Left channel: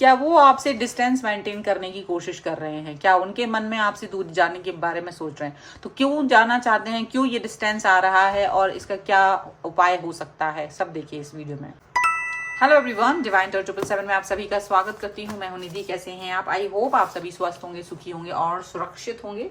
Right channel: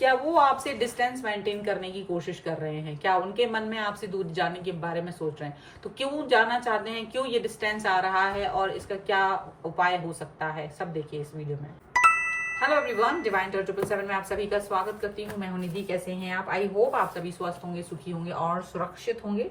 क्या वो आपसे डिस्टेंस मेंटेन करने की कोशिश कर रहे हैं, क्या उनके मन में आपसे दूर जाने के बारे में सोच रहे हैं, तो क्यों जाना चाहते हैं, क्यों ये डिस्टेंस आ रहा है और इसका क्या उपाय हो सकता है, सब देखिए इस वीडियो में। हेलो एवरीवन, डिवाइन टॉक 777 में आप सभी का स्वागत करती हूँ। मैं हूं निधि। कैसे हैं आप? आई होप आप सभी स्वस्थ होंगे, सुखी होंगे और सुरक्षित होंगे।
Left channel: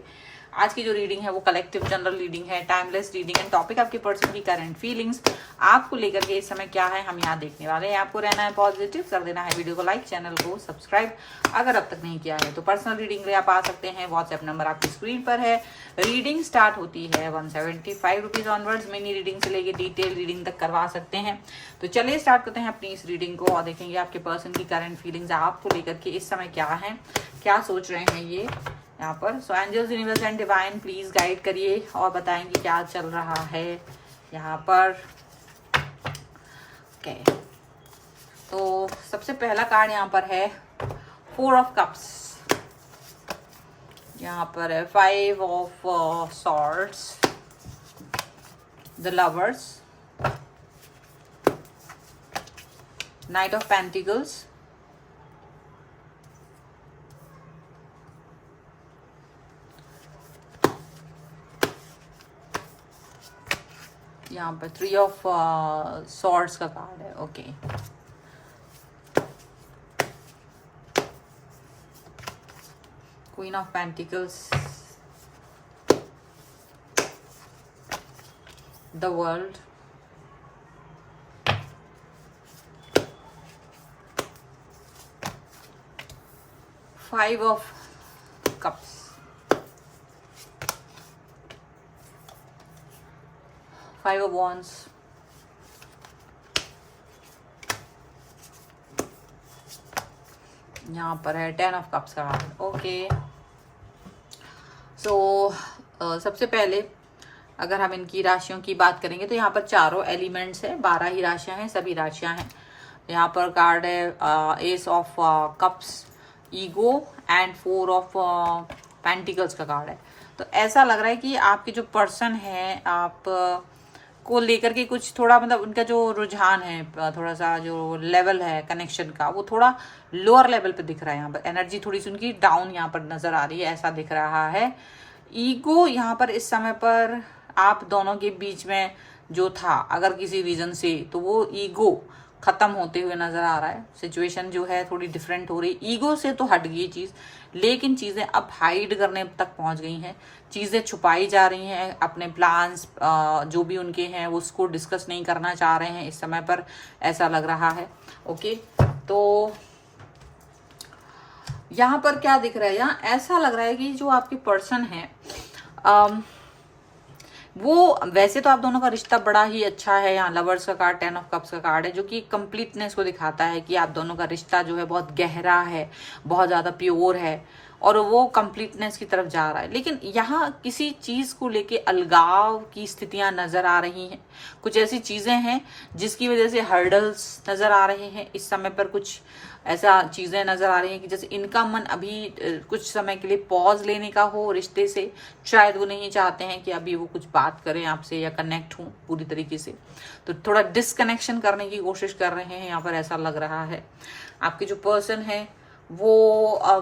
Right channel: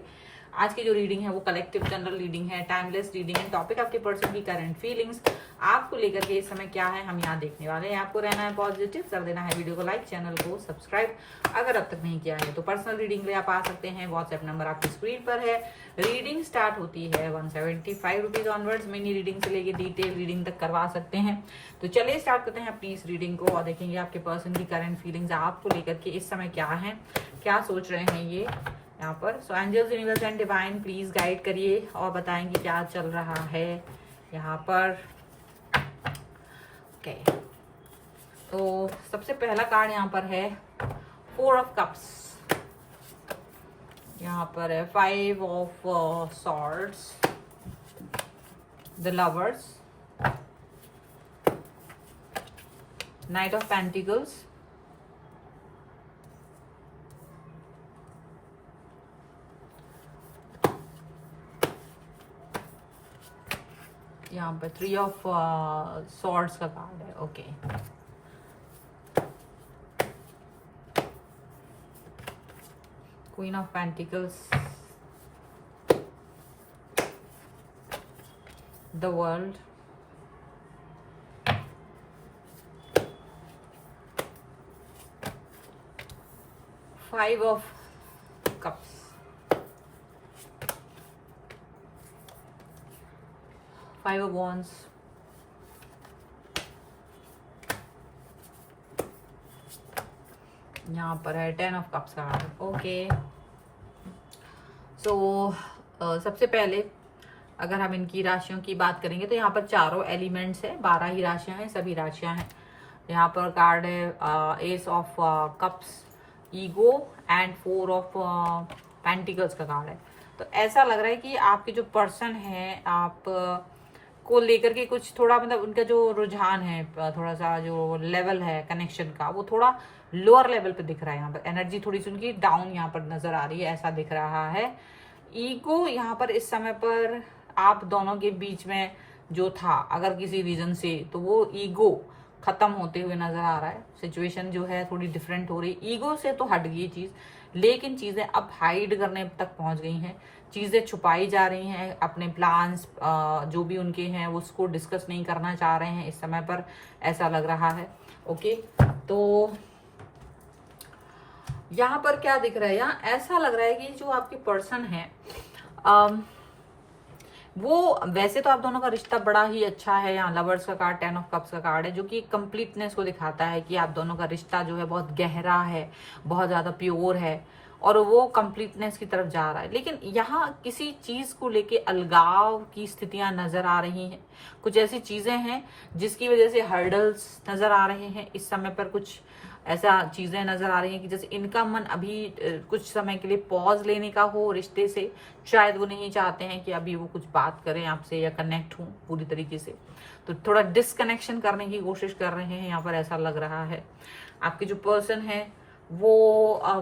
आज की जो रीडिंग है वो कलेक्टिव जनरल रीडिंग है, टाइमलेस रीडिंग है। टॉपिक आपके पर्सन की करंट फीलिंग्स आपको लेकर के इस समय क्या है हम यहाँ देखने वाले हैं। आपको रहना है पॉजिटिव, कर देना है वीडियो को लाइक, चैनल को सब्सक्राइब अगर अब तक नहीं किया है तो। पर्सनल रीडिंग लिए आप आ सकते हैं, व्हाट्सएप नंबर आपकी स्क्रीन पर है। रीडिंग स्टार्ट होती है 175 रुपीज ऑनवर्ड्स। मिनी रीडिंग से लेके डिटेल रीडिंग तक करवा सकते हैं। तो चलिए स्टार्ट करते हैं अपनी इस रीडिंग को और देखेंगे आपके पर्सन की करंट फीलिंग्स आपको लेकर के इस समय क्या है, क्या सोच रहे हैं ये यहाँ पर। So angels, universe and divine please guide करिए और बताएंगे क्या चल रहा है यहाँ पर। ओके, तो सबसे पहला कार्ड यहाँ पर है 4 ऑफ कप्स। यहाँ पर है 5 of swords, the lovers, night of pentacles, यहाँ पर 3 ऑफ सॉर्ड्स का कार्ड है। Okay, queen of pentacles, the world, five of cups, five of wands, यहाँ पर है 10 ऑफ कप्स का कार्ड। ओके, सो सबसे पहले अगर हम इनकी राशियों की बात करेंगे तो यहाँ पर चारों एलिमेंट्स है, 12 ही राशियां हैं, सभी राशियां हैं। यहाँ पर कार्ड है S of cups, ego and 4 of pentacles का कार्ड है। तो ऐसा लग रहा है कि आपके जो पर्सन है आप को लेकर के कुछ थोड़ा मतलब उनका जो रुझान है, थोड़ा सा जो लेवल है कनेक्शन का वो थोड़ा लोअर लेवल पे दिख रहा है। यहाँ पर एनर्जी थोड़ी सी उनकी डाउन यहाँ पर नजर आ रही है, ऐसा दिख रहा है। ईगो यहाँ पर इस समय पर आप दोनों के बीच में जो था अगर किसी रीजन से, तो वो ईगो खत्म होते हुए नजर आ रहा है। सिचुएशन जो है थोड़ी डिफरेंट हो रही है, ईगो से तो हट गई चीज, लेकिन चीजें अब हाइड करने तक पहुंच गई हैं, चीजें छुपाई जा रही हैं। अपने प्लान्स जो भी उनके हैं उसको डिस्कस नहीं करना चाह रहे हैं इस समय पर, ऐसा लग रहा है। ओके, तो यहाँ पर क्या दिख रहा है, यहाँ ऐसा लग रहा है कि जो आपके पर्सन है वो वैसे तो आप दोनों का रिश्ता बड़ा ही अच्छा है। यहाँ लवर्स का कार्ड, 10 ऑफ कप्स का कार्ड है जो कि कंप्लीटनेस को दिखाता है कि आप दोनों का रिश्ता जो है बहुत गहरा है, बहुत ज्यादा प्योर है और वो कंप्लीटनेस की तरफ जा रहा है। लेकिन यहाँ किसी चीज को लेके अलगाव की स्थितियां नजर आ रही हैं। कुछ ऐसी चीजें हैं जिसकी वजह से हर्डल्स नजर आ रहे हैं इस समय पर। कुछ ऐसा चीजें नजर आ रही हैं कि जैसे इनका मन अभी कुछ समय के लिए पॉज लेने का हो रिश्ते से। शायद वो नहीं चाहते हैं कि अभी वो कुछ बात करें आपसे या कनेक्ट हों पूरी तरीके से, तो थोड़ा डिसकनेक्शन करने की कोशिश कर रहे हैं यहाँ पर, ऐसा लग रहा है। आपके जो पर्सन है वो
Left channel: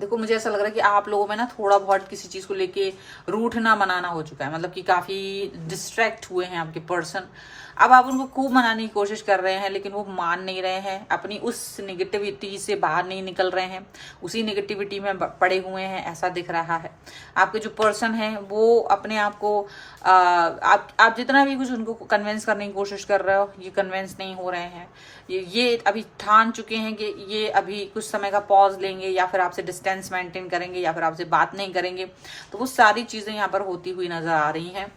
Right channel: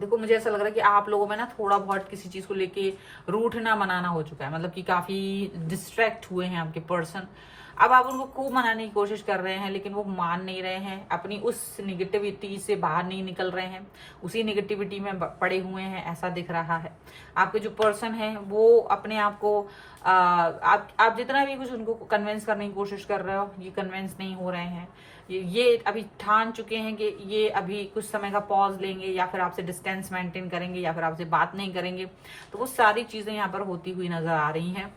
देखो मुझे ऐसा लग रहा है कि आप लोगों में ना थोड़ा बहुत किसी चीज को लेके रूठना मनाना हो चुका है, मतलब कि काफी डिस्ट्रैक्ट हुए हैं आपके पर्सन। अब आप उनको खूब मनाने की कोशिश कर रहे हैं लेकिन वो मान नहीं रहे हैं, अपनी उस निगेटिविटी से बाहर नहीं निकल रहे हैं, उसी निगेटिविटी में पड़े हुए हैं, ऐसा दिख रहा है। आपके जो पर्सन है वो अपने आप को आप जितना भी कुछ उनको कन्विंस करने की कोशिश कर रहे हो, ये कन्विंस नहीं हो रहे हैं। ये अभी ठान चुके हैं कि ये अभी कुछ समय का पॉज लेंगे या फिर आपसे डिस्टेंस मेंटेन करेंगे या फिर आपसे बात नहीं करेंगे। तो वो सारी चीजें यहाँ पर होती हुई नजर आ रही हैं,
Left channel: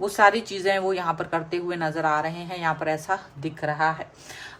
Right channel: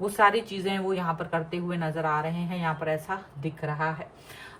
वो सारी चीजें वो यहाँ पर करते हुए नजर आ रहे हैं, यहाँ पर ऐसा दिख रहा है।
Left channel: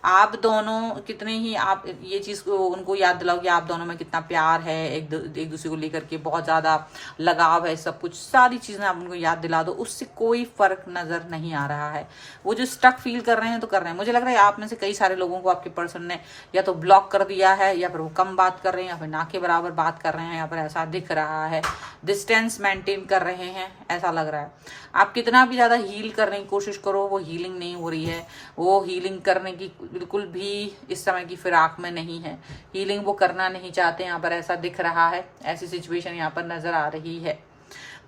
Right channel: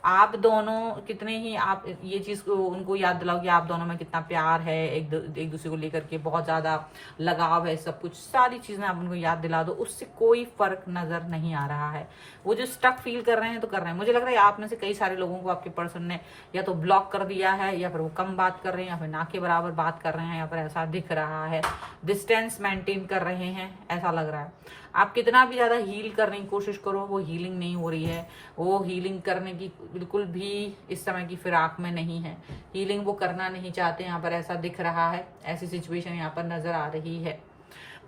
आप दोनों कितने ही आप ये चीज को उनको याद दिलाओ कि आप दोनों में कितना प्यार है, एक दूसरे को लेकर के बहुत ज्यादा लगाव है, सब कुछ सारी चीजें आप उनको याद दिला दो, उससे कोई फर्क नजर नहीं आ रहा है। वो जो स्टक फील कर रहे हैं तो कर रहे हैं। मुझे लग रहा है आप में से कई सारे लोगों को आपके पर्सन ने या तो ब्लॉक कर दिया है या फिर वो कम बात कर रहे हैं या फिर ना के बराबर बात कर रहे हैं, यहाँ पर ऐसा दिख रहा है। डिस्टेंस मेंटेन कर रहे हैं ऐसा लग रहा है। आप कितना भी ज्यादा हील करने की कोशिश करो वो हीलिंग नहीं हो रही है। वो हीलिंग करने की बिल्कुल भी इस समय की फिराक में नहीं है, हीलिंग वो करना नहीं चाहते, यहाँ पर ऐसा दिख रहा है। ऐसी सिचुएशन यहाँ पर नजर आ रही है,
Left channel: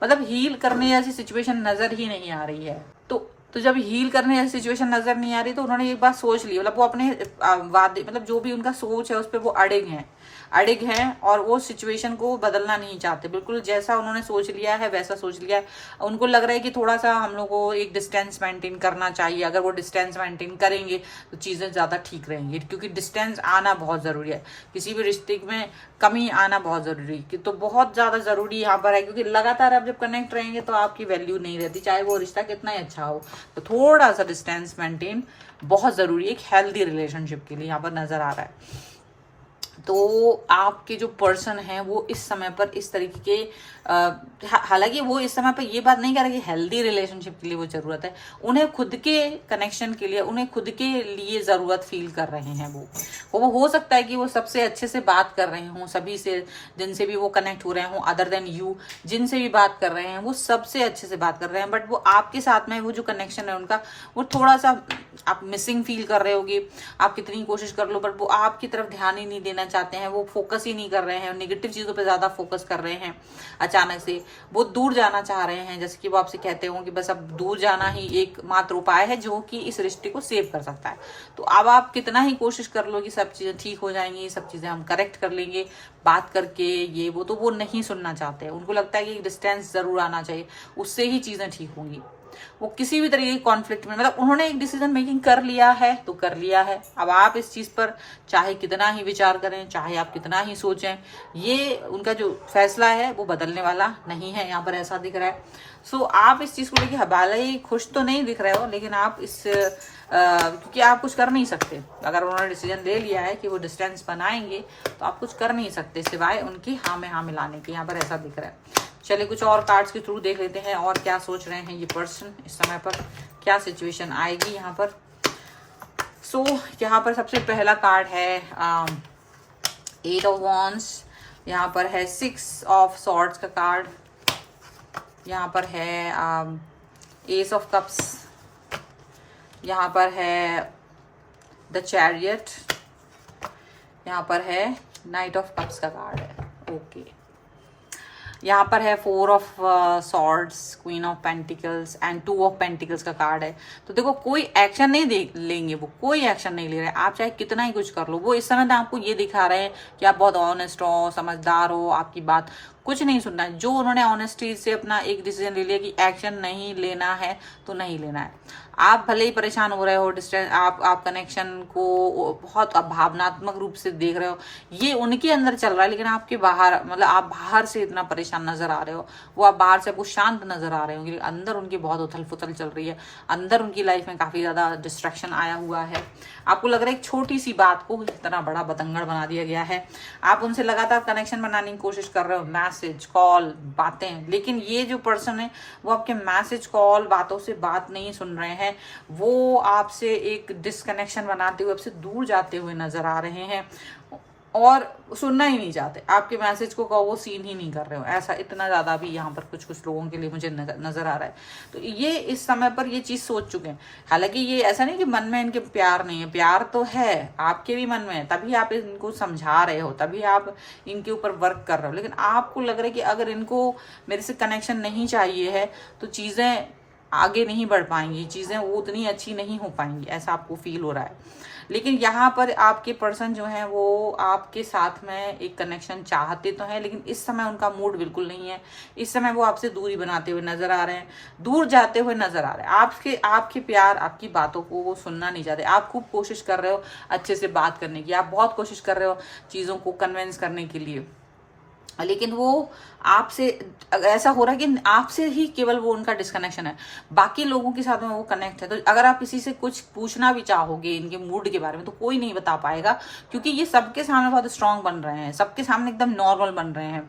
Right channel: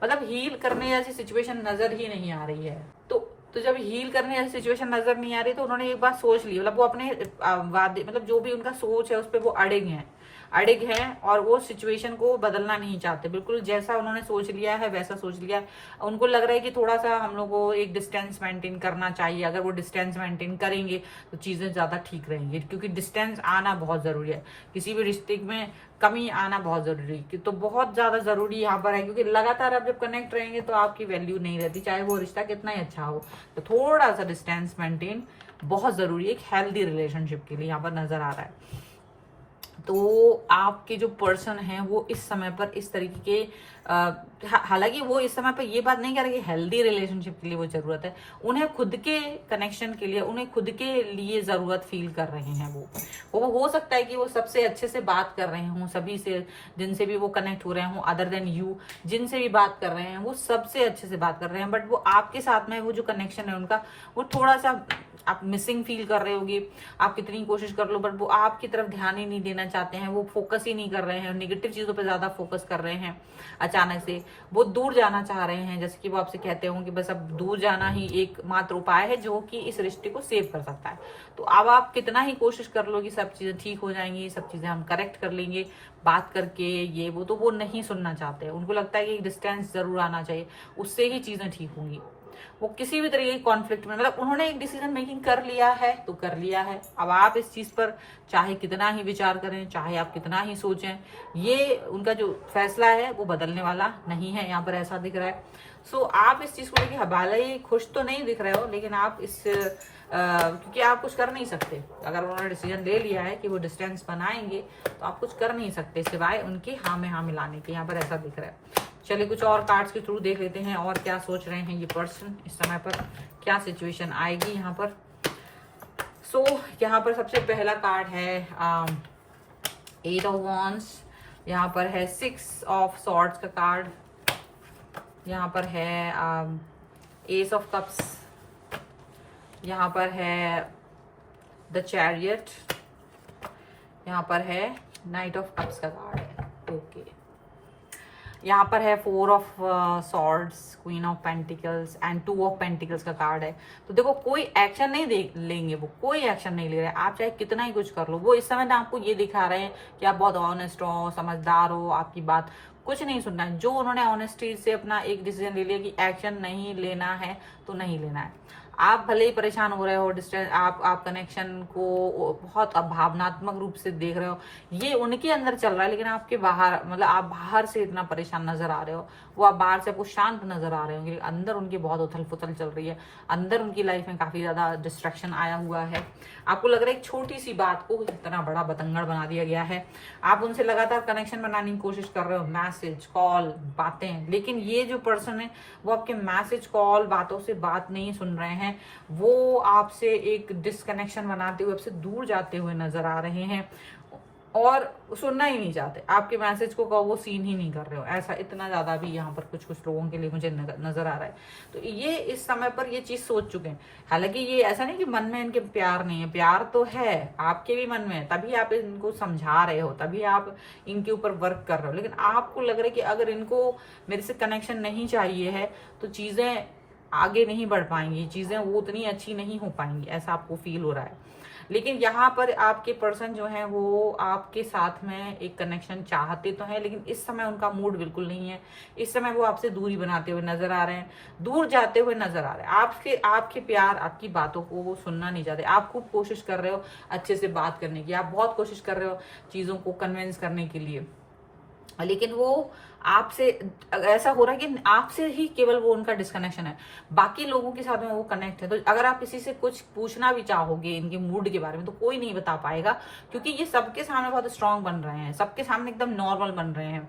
मतलब हील करने जैसी सिचुएशन नजर ही नहीं आ रही है। तो जब हील करने जैसी सिचुएशन नजर नहीं आ रही तो उन्होंने एक बात सोच ली, मतलब वो अपने वादे, मतलब जो भी उनका सोच है उस पर वो अड़िग हैं और वो सिचुएशन को बदलना नहीं चाहते। बिल्कुल जैसा उन्होंने सोच लिया है वैसा सोच लिया है। उनको लग रहा है कि थोड़ा सा हम लोग को एक डिस्टेंस मेंटेन करना चाहिए। अगर वो डिस्टेंस मेंटेन करेंगे तो चीजें ज्यादा ठीक रहेंगी, क्योंकि डिस्टेंस आना बहुत जरूरी है, किसी भी रिश्ते में कमी आना बहुत जरूरी है, तो बहुत ज्यादा जरूरी यहाँ पर है। क्योंकि लगातार आप जब कनेक्ट रहेंगे तो आपकी वैल्यू नहीं रहती, चाहे वो रिश्ता कितना ही अच्छा हो। तो थोड़ा सा डिस्टेंस मेंटेन बहुत जरूरी है एक हेल्दी रिलेशनशिप के लिए, यहाँ पर नजर आ रहा है। तो आपके जो पर्सन है वो इस समय पर इस तरीके के हालांकि वो इस समय पर ये बात नहीं कर रहे कि हेल्दी रिलेशनशिप के लिए वो जरूरत है, उन्हें खुद के कनेक्शन के लिए, उन्हें खुद के लिए जरूरत फील कर रहे हैं। वो हो सकता है कि वो सबसे अच्छे से बात कर रहे हों, सभी से जिनसे भी वो कनेक्ट हो रहे हों, अदर देन यू जिनसे भी बात कर रहे हैं वो सबसे अच्छे से बात कर रहे हैं, बट वो आपके साथ में वो जो कनेक्शन है उनका वो थोड़ा सा आप मिसिंग फील कर रहे होगे। आप कितनी कोशिश कर लो बट वो आपकी तरफ ध्यान ही नहीं देना चाहते हैं, वो फोकस ही नहीं कर रहे हैं, नेगेटिव चीजों पे ज्यादा फोकस कर रहे हैं। अचानक से वो दूर जाना चाह रहे हैं, जैसे कि वो आपसे कहते हो कि बस अब दूर जाना ही एकमात्र उपाय है जो कि इस रिश्ते को सेव कर सकता है। तो अब आप कितना ही कोशिश कर लो कि सब चीजें ठीक हो जाएंगी, सब चीजें हम करेक्ट कर लेंगे बात करके, ये वो, तो वो नहीं सुनना चाहते हैं। उनको लगता है कि डिस्टेंस जरूर आना चाहिए, उससे ही चीजें ठीक होंगी। वो किसी भी तरीके के कॉन्फ्लिक्ट में, मतलब उन्होंने एक डिसीजन मेकिंग कर लिया है तो कर लिया है। अब आप इस चीज पर चाहे कितना ही विचार करें, चाहे आप कितना ही सोचें, ये उनका जो फैसला है वो बदलने वाला नहीं है, यहाँ पर ऐसा दिख रहा है। सो आप इस चीज को लेकर भले खुश तो नहीं दिख रहे हो, लेकिन आप इस क्योंकि आप कुछ कर नहीं सकते। अगर उन्होंने डिसीजन ले लिया है कि वो डिस्टेंस बनाएंगे तो आप कुछ कर नहीं सकते सिवाय उनकी हाँ में हाँ मिलाने के, यहाँ पर ऐसा दिख रहा है। चलिए कुछ और कार्ड्स के थ्रू देख लेते हैं और क्या सोच रहे हैं ये पर्सन इस समय पर, क्या सिचुएशन आएगी यहाँ पर। सो यहाँ पर सबसे पहला कार्ड है 8 ऑफ वॉन्ड्स, यहाँ पर है 6 ऑफ सॉर्ड्स का कार्ड, यहाँ पर है एस ऑफ कप्स, यहाँ पर है द चैरियट, यहाँ पर है नाइट ऑफ कप्स का कार्ड है। ओके, यहाँ पर है 4 of swords, queen of pentacles and 2 of pentacles का कार्ड है। तो देखो कोई एक्शन नहीं लेंगे, वो कोई एक्शन नहीं ले रहे, आप चाहे कितना ही कुछ कर लो। वो इस समय ना आपको ये दिखा रहे हैं कि आप बहुत ऑनेस्ट हो, समझदार हो, आपकी बात कुछ नहीं सुनना है। जो उन्होंने ऑनेस्टी से अपना एक डिसीजन ले लिया कि एक्शन नहीं लेना है तो नहीं लेना है। आप भले ही परेशान हो रहे हो, डिस्टेंस आप कनेक्शन को बहुत भावनात्मक रूप से देख रहे हो, ये उनके अंदर चल रहा है, लेकिन आपके बाहर, मतलब आप बाहर से इतना परेशान नजर आ रहे हो, वो आप बाहर से आपको शांत नजर आ रहे हो, अंदर उनकी बहुत उथल पुथल चल रही है, अंदर उनकी लाइफ में काफी ज्यादा डिस्ट्रैक्शन आया हुआ है। आपको लग रहा है एक छोटी सी बात को इतना बड़ा बतंगड़ बना दिया गया है। आप उनसे लगातार कनेक्शन बनाने की कोशिश कर रहे हो, मैसेज, कॉल, बातें, लेकिन ये जो पर्सन है वो आपके मैसेज, कॉल, बातों से बात नहीं सुन रहे हैं। वो आपसे एक डिस्कनेक्शन बनाते हुए, आपसे दूर जाते हुए नजर आ रहे हैं और सुनना ही नहीं चाहते। आपके मैसेज को वो सीन ही नहीं कर रहे हो, ऐसा इतना ज्यादा भी यहाँ पर कुछ लोगों के लिए मुझे नजर आ रहा है। तो ये इस समय पर ये चीज सोच चुके हैं। हालांकि ये ऐसा नहीं कि मन में इनके प्यार नहीं है, प्यार तो है आपके भी मन में, तभी आप इनको समझा रहे हो, तभी आप इनके ऊपर वर्क कर रहे हो। लेकिन आपको लग रहा है कि अगर इनको मेरे से कनेक्शन नहीं चाहिए है तो चीजें आगे नहीं बढ़ पाएंगी, चीजें वो उतनी अच्छी नहीं हो पाएंगी, ऐसा आपको फील हो रहा है। लेकिन यहाँ पर आपके पर्सन जो है वो आपके साथ में एक कनेक्शन चाहते तो हैं, लेकिन इस समय उनका मूड बिल्कुल नहीं है। इस समय वो आपसे दूरी बनाते हुए नजर आ रहे हैं, दूर जाते हुए नजर आ रहे हैं। आपके प्यार, आपकी बातों को वो सुनना नहीं चाहते। आप खूब कोशिश कर रहे हो अच्छे से बात करने की, आप बहुत कोशिश कर रहे हो चीजों को कन्विंस करने के लिए, लेकिन वो आपसे ऐसा हो रहा है कि आपसे ही केवल वो उनका डिस्कनेक्शन है, बाकी लोगों के साथ में वो कनेक्ट है। तो अगर आप किसी से कुछ पूछना भी चाहोगे इनके मूड के बारे में तो कोई नहीं बता पाएगा, क्योंकि ये सबके सामने बहुत स्ट्रांग बन रहे हैं, सबके सामने एकदम नॉर्मल बन रहे हैं।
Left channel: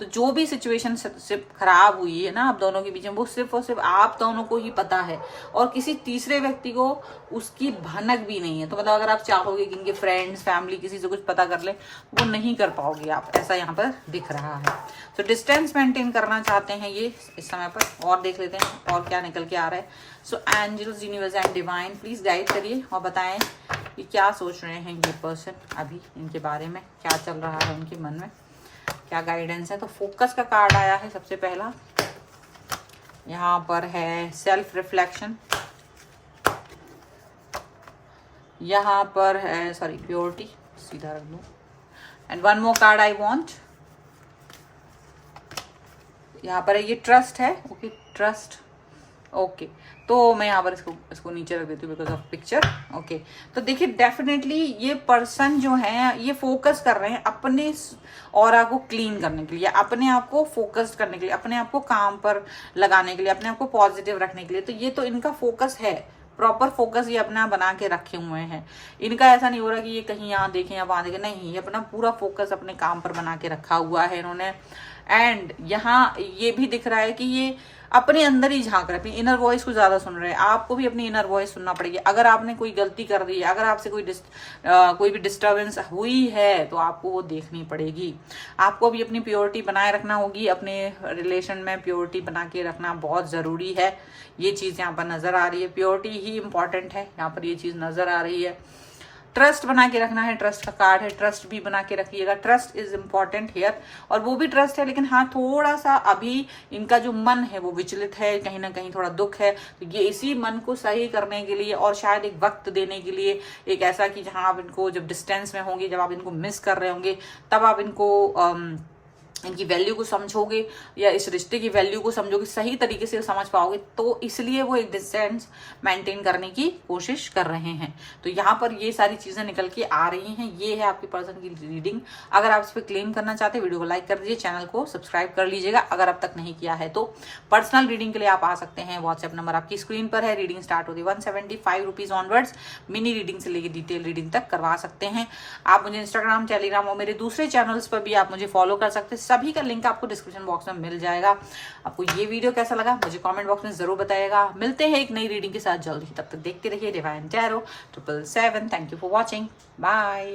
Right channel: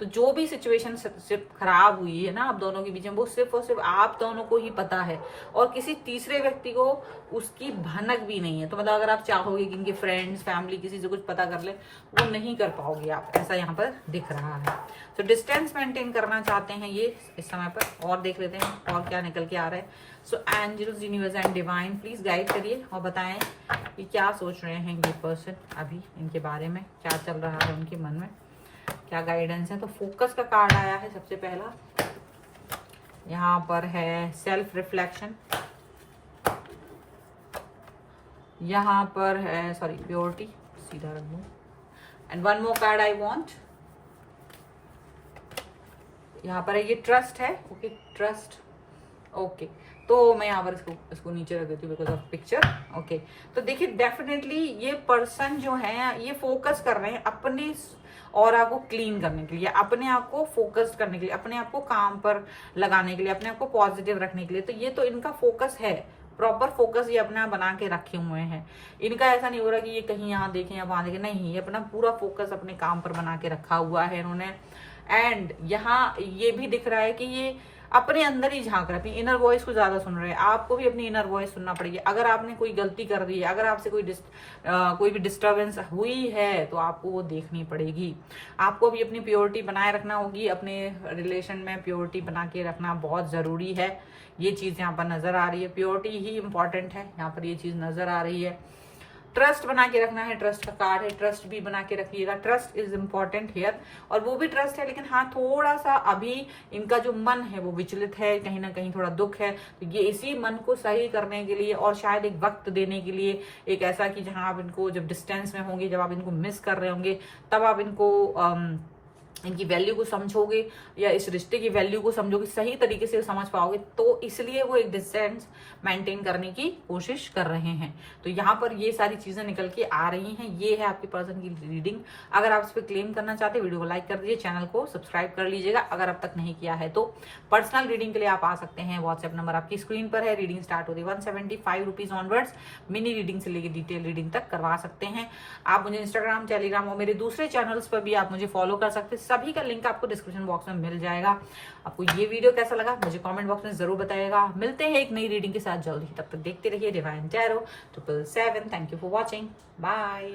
तो जो भी सिचुएशन सिर्फ खराब हुई है ना आप दोनों के बीच में, वो सिर्फ और सिर्फ आप दोनों को ही पता है और किसी तीसरे व्यक्ति को उसकी भनक भी नहीं है। तो मतलब अगर आप चाहोगे कि इनके फ्रेंड्स, फैमिली, किसी से कुछ पता कर ले, वो नहीं कर पाओगे आप, ऐसा यहाँ पर दिख रहा है। तो डिस्टेंस मेंटेन करना चाहते हैं ये इस समय पर, और देख लेते हैं और क्या निकल के आ रहा है। So angels, universe and divine please guide करिए और बताएं कि क्या सोच रहे हैं ये पर्सन अभी, इनके बारे में क्या चल रहा है उनके मन में, क्या गाइडेंस है। तो फोकस का कार्ड आया है सबसे पहला, यहाँ पर है सेल्फ रिफ्लेक्शन, यहाँ पर है सॉरी प्योरिटी, सीधा रख दूं, and one more card I want, यहाँ पर है ये ट्रस्ट है। ओके ट्रस्ट, ओके तो मैं यहाँ पर इसको नीचे रख देती हूँ बिकॉज ऑफ पिक्चर। ओके तो देखिए डेफिनेटली ये पर्सन जो है ये फोकस कर रहे हैं अपने ऑरा को क्लीन करने के लिए, अपने आप को फोकस्ड करने के लिए, अपने आप को काम पर लगाने के लिए, अपने आप को पॉजिटिव रखने के लिए। तो ये तो इनका फोकस है, प्रॉपर फोकस ये अपना बना के रखे हुए हैं। इनका ऐसा नहीं हो रहा कि ये कहीं यहाँ देखें या वहां देखें, नहीं, ये अपना पूरा फोकस अपने काम पर बना के रखा हुआ है इन्होंने। एंड यहाँ ये भी दिख रहा है कि ये अपने अंदर ही झांक रहे हैं, अपनी इनर वॉइस को ज्यादा सुन रहे हैं। आपको भी अपनी इनर वॉइस सुनना पड़ेगी। अगर आपने कोई गलती कर दी है, अगर आपसे कोई भी डिस्टर्बेंस हुई है तो आपको वो देखनी पड़ेगी। आपको भी अपनी प्योरिटी बनाए रखना होगी, अपने रिलेशन में प्योरिटी बना के रखना बहुत जरूरी है। ये चीज यहाँ पर नजर आ रही है, प्योरिटी ही इंपॉर्टेंट है, यहाँ पर ये चीज नजर आ रही है। ट्रस्ट बना के रखना है, ट्रस्ट का कार्ड है, ट्रस्ट भी बना के रखिएगा। ट्रस्ट इज इम्पॉर्टेंट हियर, और वो भी ट्रस्ट है, लेकिन हाँ थोड़ा सा अभी इनका जो मन है वो विचलित है, कहीं ना कहीं थोड़ा दुख है। तो ये इसी मन को सही करने के लिए और शायद एक वक्त देने के लिए, एक ऐसा कि जहां आप इनको जब डिस्टेंस में होंगे, जब आप इनको मिस कर रहे होंगे, तब आप इनको इनकी वैल्यू को समझोगे या इस रिश्ते की वैल्यू को समझोगे, सही तरीके से समझ पाओगे। तो इसलिए वो एक डिस्टेंस मेंटेन करने की कोशिश कर रहे हैं। तो यहाँ पर ये सारी चीजें निकल के आ रही हैं। ये है आपके पर्सन की रीडिंग। अगर आप इस पर क्लेम करना चाहते हैं, वीडियो को लाइक कर दीजिए, चैनल को सब्सक्राइब कर लीजिएगा अगर अब तक नहीं किया है तो। पर्सनल रीडिंग के लिए आप आ सकते हैं, व्हाट्सएप नंबर आपकी स्क्रीन पर है। रीडिंग स्टार्ट होती है 175 रुपीज ऑनवर्ड्स। मिनी रीडिंग से लेकर डिटेल रीडिंग तक करवा सकते हैं। आप मुझे इंस्टाग्राम, टेलीग्राम और मेरे दूसरे चैनल्स पर भी आप मुझे फॉलो कर सकते हैं। सभी का लिंक आपको डिस्क्रिप्शन बॉक्स में मिल जाएगा। आपको ये वीडियो कैसा लगा मुझे कमेंट बॉक्स में जरूर बताइएगा। मिलते हैं एक नई रीडिंग के साथ जल्द ही, तब तक देखते रहिए divine tarot 777। Thank you for watching, bye.